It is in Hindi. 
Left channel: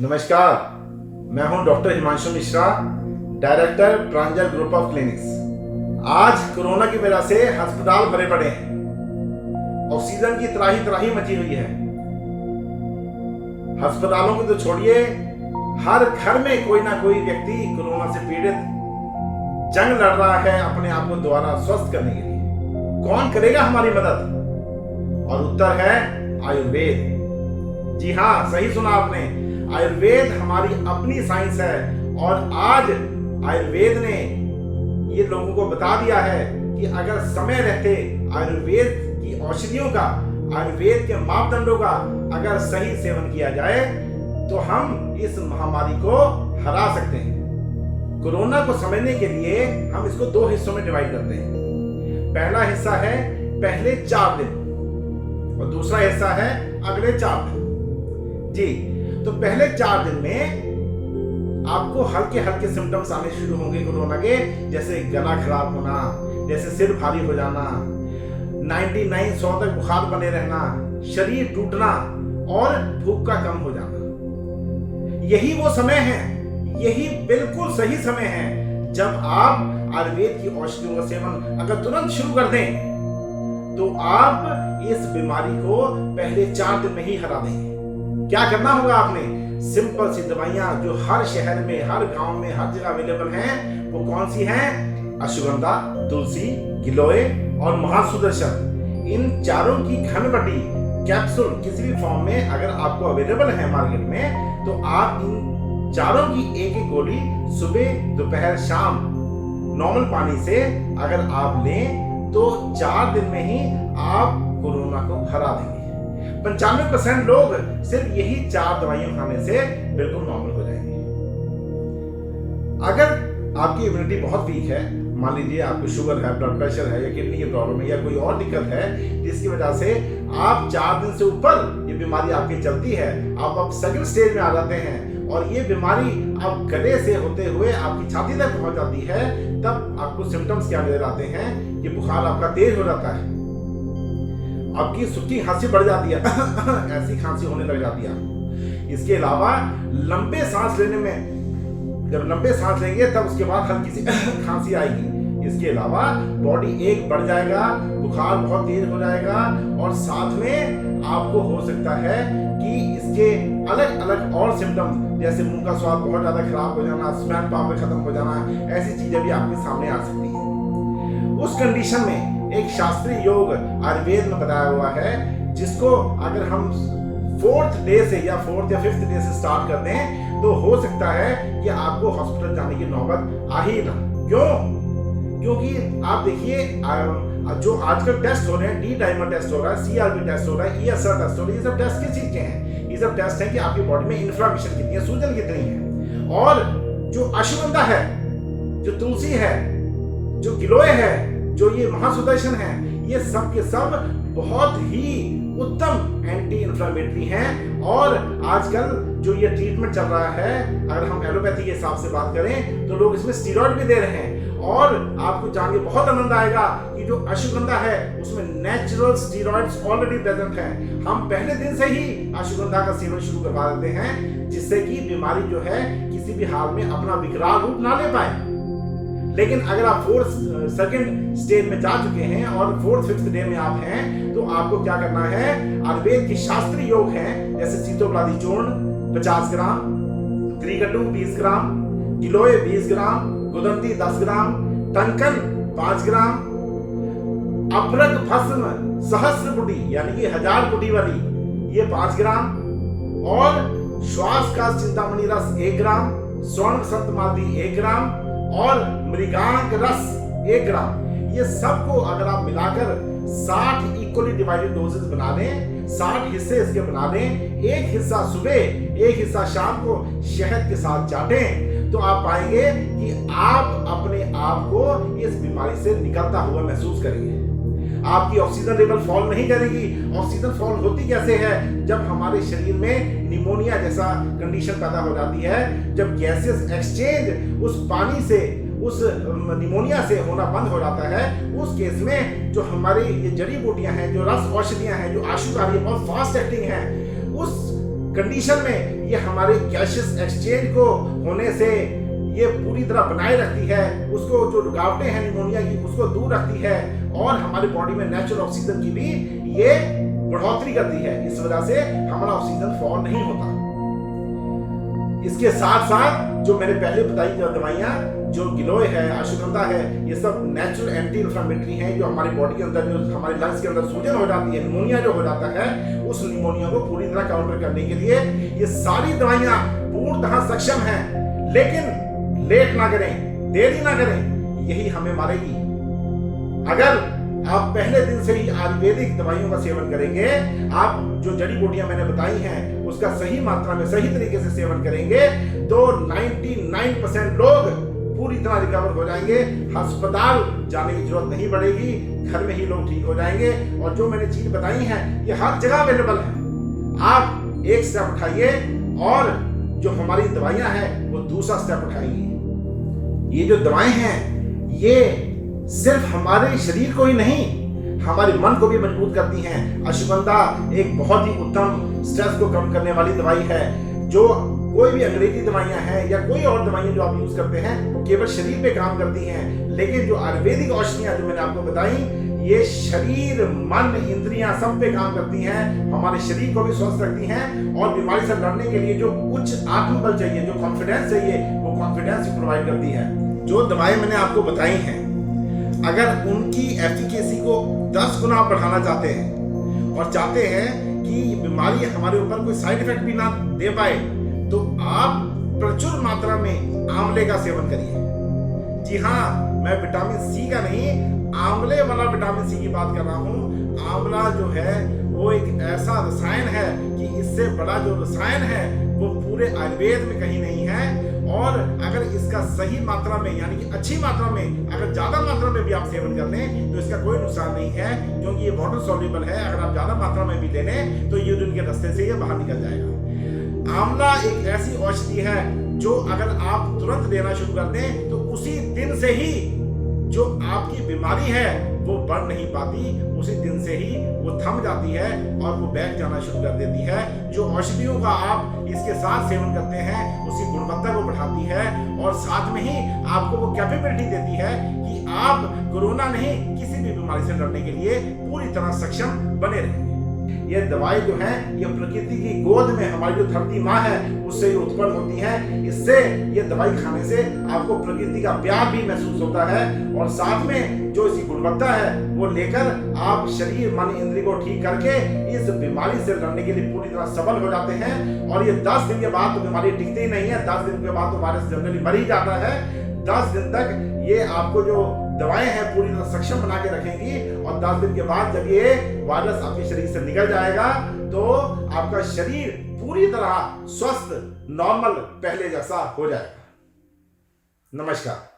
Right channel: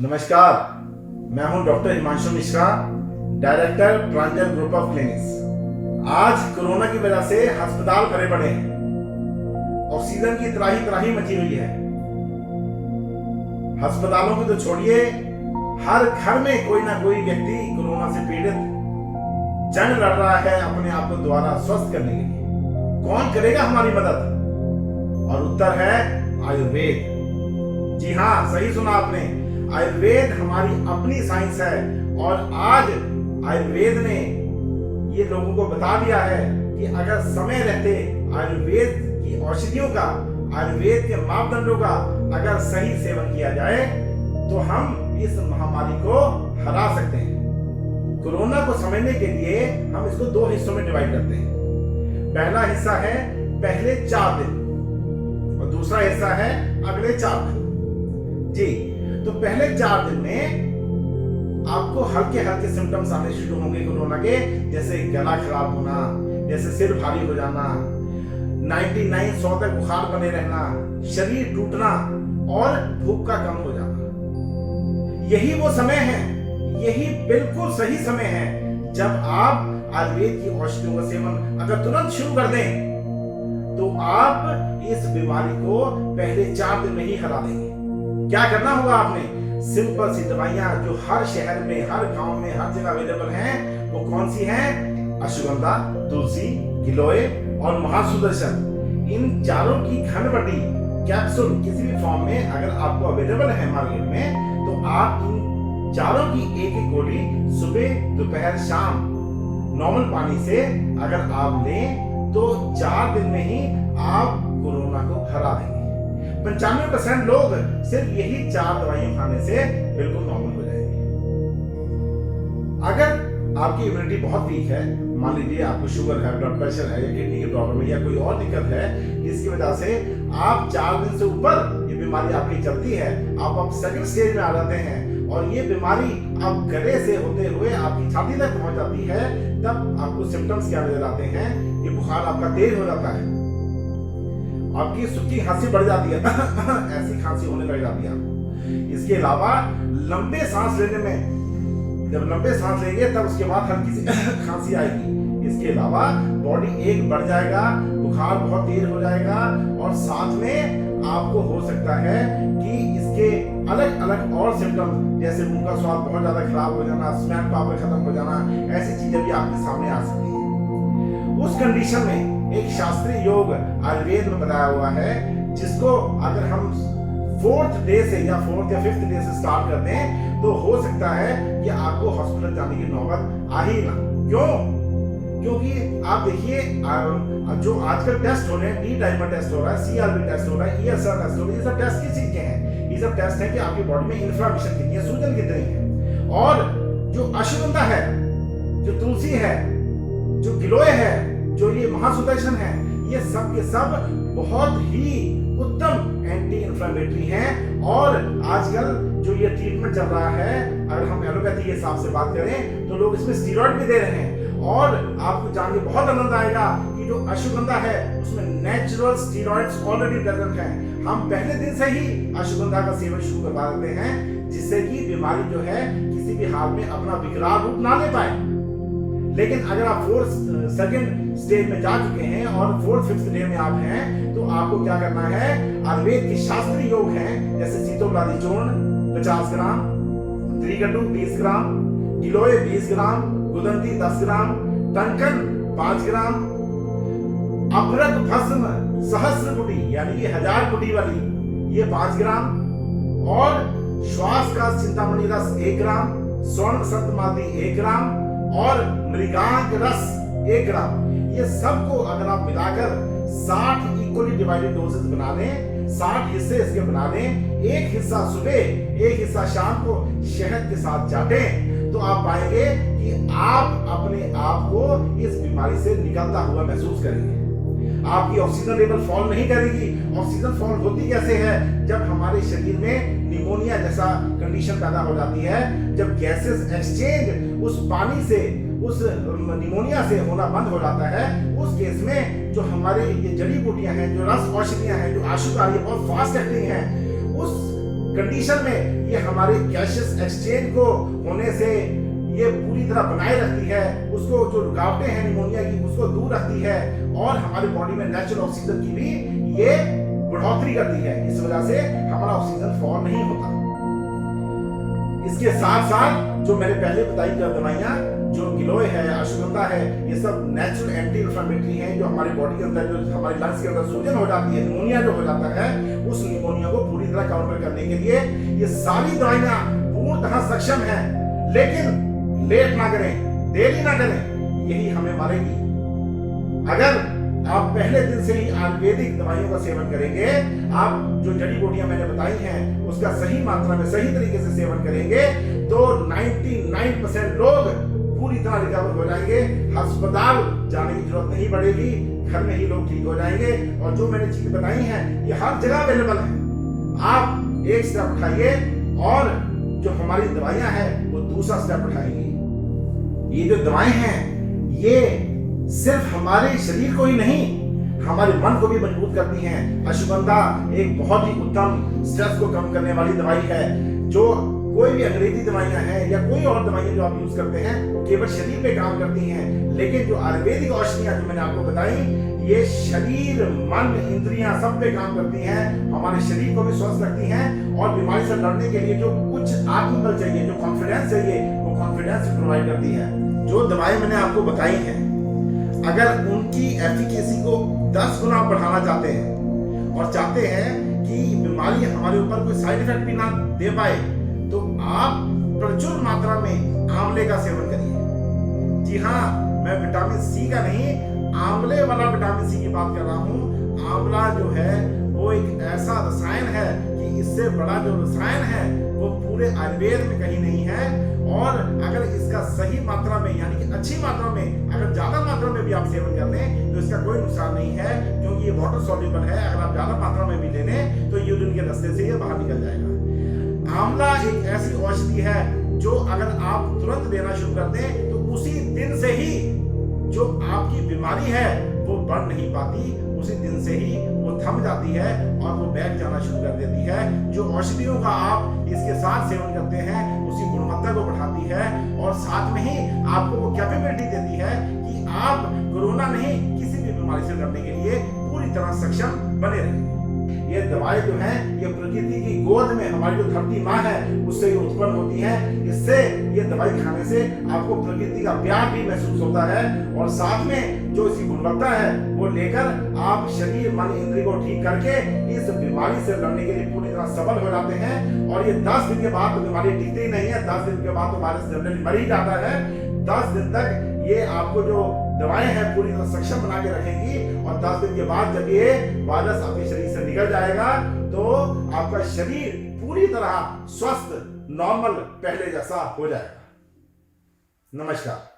नमस्कार, मैं हूं doctor Himanshu Mishra, director Pranjal group of clinics. आज कोरोना की वजह से अस्पताल भरे पड़े हैं। ऑक्सीजन की त्राही त्राही मची हुई है। अस्पतालों को तो छोड़िए, हर घर में कोई ना कोई व्यक्ति कोरोना से पीड़ित जंग लड़ रहा है अपने आप को दोबारा स्वस्थ करने के लिए। कौन करेगा हमारी मदद? और उत्तर है आयुर्वेद। जी हाँ, सही सुना आपने। आयुर्वेद हमारी अपनी साइंस है और आज आयुर्वेद ने ये लोगों को बता दिया है कि अगर समय रहते आयुर्वेद की औषधियों का, आयुर्वेद के मापदंडों का अगर सही सेवन किया जाए तो हम इस महामारी को हरा सकते हैं। कोरोना को समझने के लिए हम इसको दो हिस्सों में डिवाइड करते हैं। पहला हिस्सा है पहले 4 दिन और दूसरा हिस्सा है अगले 4 दिन। जी, तो पहले 4 दिन में आपको हल्के हल्के सिम्टम्स आने शुरू होंगे कोरोना के, जैसे गला खराब होना, जैसे सिर भारी हो जाना, 99-100 तक बुखार बने रहना, शरीर टूटना और भूख का कम हो जाना। यही वो समय है, यही बिल्कुल सही समय है जब आप आयुर्वेद की औषधियों का सेवन अगर तुरंत शुरू कर दें तो आप इस बीमारी को पहले 4 दिन में ही हरा देंगे। क्या करना होगा आपने? सिंपल सी दवाइयां जो हर शहर में, हर गांव में, हर जगह अवेलेबल हैं, वो कौन सी हैं? अश्वगंधा, तुलसी, गिलोय और महासुदर्शन। इन चारों की घनबटी कैप्सूल किसी भी फॉर्म में अगर आपको अवेलेबल है मार्केट में, तो आप इन चारों की एक एक गोली सुबह, दोपहर, शाम नॉर्मल पानी से अगर आप लें तो 4 दिन में ही आप कोरोना को हरा देंगे। 95% लोग सिर्फ यही 4 दवाइयां खाने से बिल्कुल नॉर्मल हो जाएंगे। अगर आपकी इम्यूनिटी बहुत वीक है, मान लीजिए आपको शुगर है, ब्लड प्रेशर है, या किडनी की प्रॉब्लम है, या कोई और दिक्कत है जिसकी वजह से आप 4 दिन से ऊपर ये बीमारी आपकी चलती है, आप अब सेकंड स्टेज में आ जाते हैं और ये बीमारी अब गले से होते हुए आपकी छाती तक पहुंच जाती है, तब आपको सिम्टम्स क्या नजर आते हैं कि बुखार आपका तेज हो जाता है, आपकी सूखी खांसी बढ़ जाती है, ऐसी खांसी होने लग जाती है आपको। इसके अलावा लंबे सांस लेने में, जब लंबे सांस लेंगे तब उसके बाद हल्की सी खांसी आएगी। इसके अलावा बॉडी एक बढ़ जाएगा, बुखार बहुत तेज हो जाएगा और साथ में आपको हो सकता है कि इसके अलग अलग और सिम्टम्स जैसे मुंह का स्वाद बहुत ज्यादा खराब हो जाना, स्मेल पावर खत्म हो जाना, ऐसी चीजें भी आपके सामने आ सकती है। उस कंडीशन में एक शास्त्रीय योग आयुर्वेद में बताया हुआ है, जिसको अगर हम 4th डे से या 4th या 5th डे से स्टार्ट कर दें तो हो सकता है कि आपको हॉस्पिटल जाने की नौबत आ ही ना। क्यों? क्योंकि आप देखिए जो आजकल टेस्ट हो रहे हैं, डी डाइमर टेस्ट हो रहा है, CRP टेस्ट हो रहा है, ESR टेस्ट हो रहा है, ये सब टेस्ट किस चीज के हैं? ये सब टेस्ट है कि आपकी बॉडी में इन्फ्लेमेशन कितनी है, सूजन कितनी है। और जो अश्वगंधा है, जो तुलसी है, जो गिलोय है, जो ये महासुदर्शन है, ये सब के सब बहुत ही उत्तम एंटी इंफ्लेमेटरी हैं। और आजकल जो ये ट्रीटमेंट चल रहा है, अगर हम एलोपैथी के हिसाब से बात करें तो लोग इसमें स्टीरॉइड भी दे रहे हैं। और आपको जान के बहुत आनंद आएगा कि जो अश्वगंधा है उसमें नेचुरल स्टीरॉइड्स ऑलरेडी प्रेजेंट हैं। हम पहले दिन से ही अश्वगंधा का सेवन शुरू करवा देते हैं, जिससे कि बीमारी जो है किसी भी हाल में अपना विकराल रूप ना ले पाए। लेकिन अगर आप 2nd स्टेज में जा चुके हैं और 4th 5th डे में आप हैं, तो आपको क्या करना है? आयुर्वेद के शास्त्रीय योग हैं, जैसे सीतोपलादी चूर्ण 50 ग्राम, त्रिकटु 20 ग्राम, गिलोय 20 ग्राम, गुदंती 10 ग्राम, टंकन 5 ग्राम, अपरक भस्म सहस्त्रकुटी यानी कि 1000 कुटी वाली ये 5 ग्राम, और श्वास का चिंतामणि रस 1 ग्राम, स्वर्ण बसंत मालती 1 ग्राम और मृगांक रस 1 ग्राम। ये सबको अगर आप मिलाकर 60 इक्वली डिवाइडेड डोजेस बना लें, 60 हिस्से इसके बना लें, एक हिस्सा सुबह, एक हिस्सा शाम को शहद के साथ चाटें, तो आप पाएंगे कि आप अपने आप को इस बीमारी से निकलता हुआ महसूस करेंगे। आपकी ऑक्सीजन लेवल फॉल नहीं करेगी। ऑक्सीजन फॉल होती कैसे है? जब हमारे शरीर में निमोनिया जैसा कंडीशन पैदा हो जाती है, जब गैसेस एक्सचेंज उस पानी से, उस निमोनिया से होना बंद हो जाता है, उस केस में जो हमारी ये जड़ी बूटियां हैं, जो रस औषधियां हैं, जो आशुकारी बहुत फास्ट एक्टिंग है, उस कंडीशन में ये हमारे गैसियस एक्सचेंज को होने से ये पूरी तरह बनाए रखती है, उसको जो रुकावटें हैं निमोनिया की उसको दूर रखती है और हमारी बॉडी में नेचुरल ऑक्सीजन की भी ये बढ़ोतरी करती है। इस वजह से हमारा ऑक्सीजन फॉल नहीं होता। इसके साथ साथ जो मैंने पहले बताई जो दवाइयां, जो गिलोय है, अश्वगंधा है, ये सब नेचुरल एंटी इन्फ्लेमेटरी हैं जो हमारी बॉडी के अंदर, जो हमारे लंग्स के अंदर सूजन हो जाती है, निमोनिया जो हो जाता है, उस निमोनिया को पूरी तरह काउंटर करने के लिए ये सारी दवाइयां पूर्णतः सक्षम हैं। लेकिन लेट ना करें, देरी ना करें, यही हमें मारेगी। अगर आप पहले दिन से ही आयुर्वेदिक दवाइयों का सेवन करेंगे, आप जो जड़ी बूटियां मैंने बताई हैं उसका सही मात्रा में सही तरीके से सेवन करेंगे, तो 99% लोग पूरी तरह रिकवर हो जाएंगे। अस्पताल जाने की जरूरत नहीं पड़ेगी, घर में ही लोग ठीक हो जाएंगे। और जो मैंने चीज बताई हैं ये हर जगह अवेलेबल है। आप एक स्टेप उठाइए और जो हमारी दवाइयां हैं वो दूसरा स्टेप उठाएंगी। ये जो दवाएं हैं ये सिर्फ हमारे शरीर को ही नहीं, हमारे मन को भी मजबूत करती हैं। अश्वगंधा एक बहुत ही उत्तम स्ट्रेस को कम करने वाली दवाई है। जो कोई भी अंग्रेजी दवाइयां हैं या कोई और दवाइयां जो आप यूज करते हैं वो केवल शरीर पे काम करती हैं, लेकिन जो आयुर्वेदिक औषधियां जो मैंने आपको बताई ये शरीर, मन, इंद्रियां सब पे काम करती हैं, हमारे शरीर को भी स्वस्थ रखती हैं और बीमारी से लड़ने के लिए जो कुछ आत्मबल चाहिए, जो कॉन्फिडेंस चाहिए, वो कॉन्फिडेंस प्रोवाइड करती है। जो दवाएं मैंने आपको बताई हैं, अगर उनकी एफिकेसी को 10 गुना बढ़ाना चाहते हैं और चाहते हैं कि बीमारी हमारे ऊपर कोई साइड इफेक्ट भी ना दे पाए, तो आप प्रचुर मात्रा में आंवले का सेवन करिए। जी हाँ, मैं विटामिन सी का नहीं, आंवले वाला विटामिन सी की बात कर रहा हूँ। आंवला जो है वो एक ऐसा रसायन है कि इससे बड़ा जो रसायन है वो पूरे आयुर्वेद में कहीं नहीं है। और अगर इसका सही मात्रा में, यानी कि अच्छी मात्रा में, अगर ज्यादा मात्रा में भी आप सेवन कर लें तो इसका कोई नुकसान नहीं है, क्योंकि ये वाटर सॉल्युबल है। अगर आप ज्यादा मात्रा में भी ले लें तो यूरिन के रास्ते से ये बाहर निकल जाएगा। आंवला एक ऐसी औषधि है जो अगर आप तुरंत लेना शुरू कर दें तो उसी दिन से ही जो आपकी बीमारी है वो बढ़ नहीं पाती, उसी दिन से ही वो थम जाती है और वो बैठ जाना शुरू कर देती है। जो औषधियों का आप इसके साथ सेवन करते हैं उसकी गुणवत्ता को बढ़ाती है और साथ में ही आपको वो कैपेबिलिटी देती है कि आप कोरोना नहीं, किसी भी बीमारी से लड़ने के लिए पूरी तरह सक्षम बने रहेंगे। ये दवाई जो है ये प्रकृति की गोद में हमारी जो धरती माँ है उससे ही उत्पन्न होती है। इससे ये दवाई खाने से आपको प्रकृति का प्यार भी महसूस होता है और साथ में जो इसकी गुणवत्ता है वो लेकर आप शरीर, मन, इंद्रिय को ठीक करके इस बीमारी से लड़ने के लिए पूरी तरह सबल हो जाते हैं। और ये 10 दिन के बाद तो बीमारी टिकती ही नहीं है, 10 दिन के बाद तो वायरस जनरली मर ही जाता है। 10 दिन तक ये आपको जो दवाएं हैं पूरी तरह सक्षम बना के रखेंगी और 10 दिन के बाद जब ये वायरस आपके शरीर से निकल जाएगा तो आपका शरीर पूरी तरह स्वस्थ, नॉर्मल, पहले जैसा हो जाएगा। नमस्कार।